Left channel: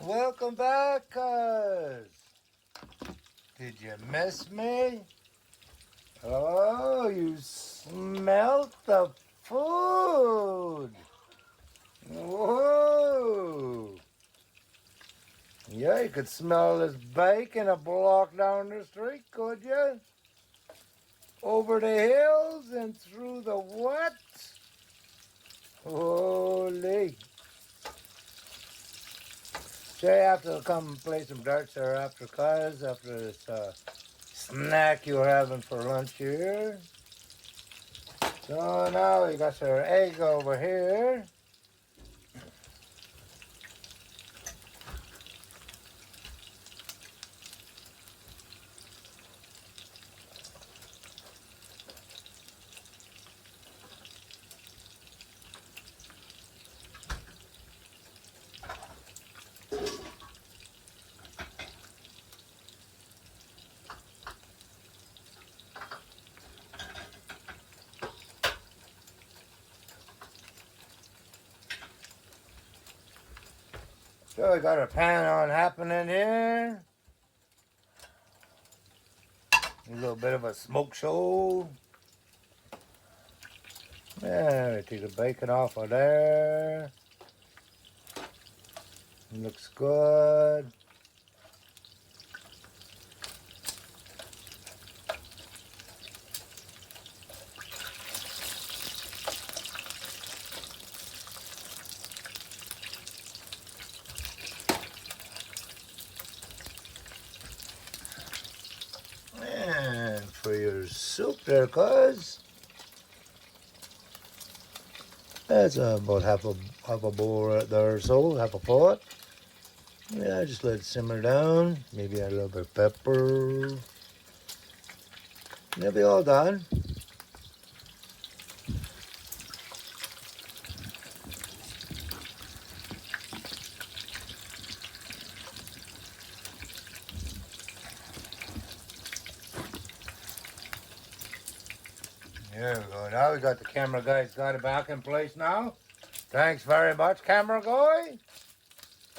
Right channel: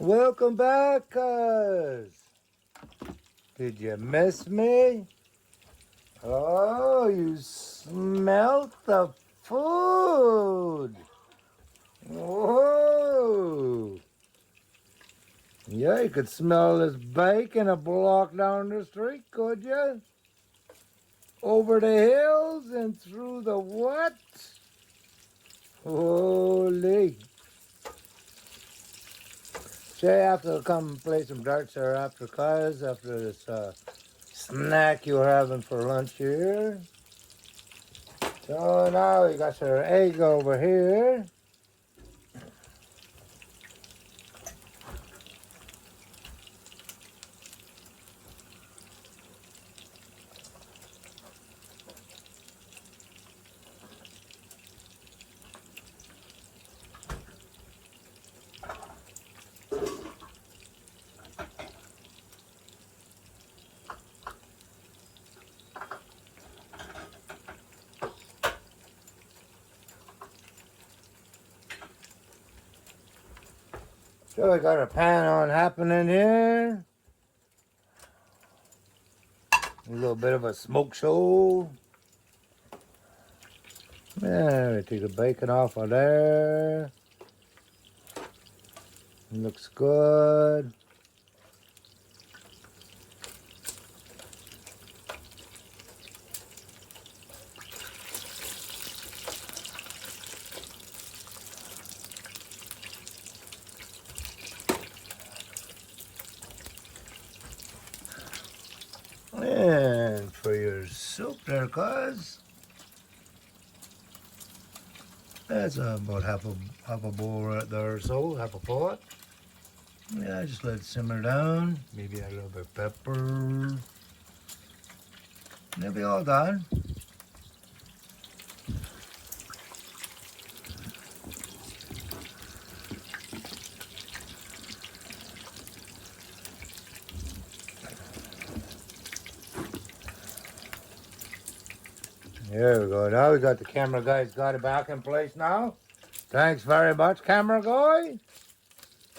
Welcome back, cuz. Did you miss me? Oh, you smelt the food. Whoa. Yeah, you could smell this bacon a block down the street, could you? Over the hills and through the what? Holy. Say, I have to come and play some darts there after cuz, after this snack you're having for lunch here. So now we got your egg over here. So we got a pan on happening here. A little bit of a smoke show. Yeah, we take the bacon off of there. Looks good. And for your soup there, cuz. That's about half a bowl right there or so, half a pot. Yeah, just let it simmer down. Maybe add a little bit of pepper. And it'll be all done. There we go. Now we got the camera guy's got it back in place now. Thanks very much, camera guy.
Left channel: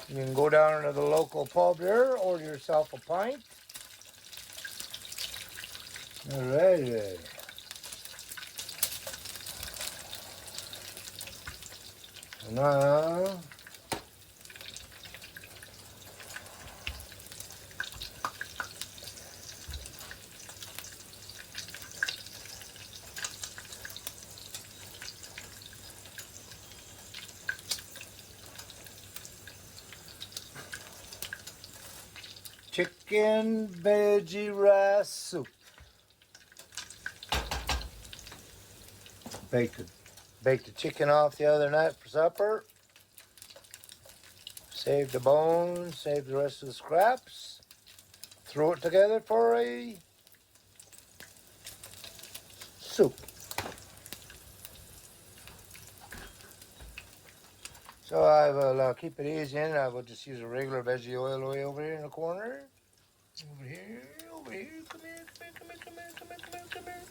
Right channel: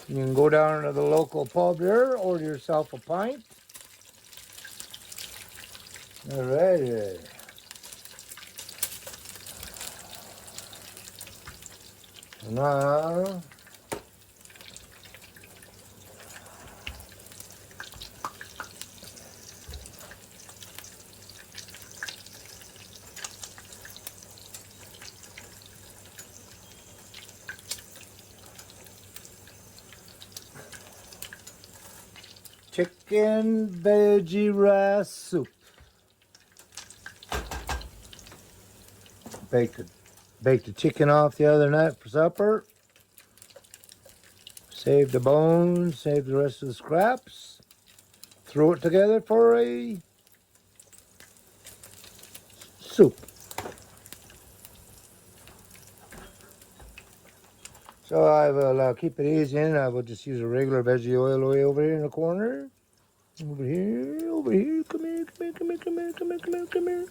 You can go down to the local pub here, order yourself a pint. Alrighty. Now, chicken veggie rice soup. Baked the chicken off the other night for supper. Save the bones, save the rest of the scraps. Throw it together for a soup. So I will keep it easy and I will just use a regular veggie oil over here in the corner. Over here, come here, come here, come here, come here, come here, come here.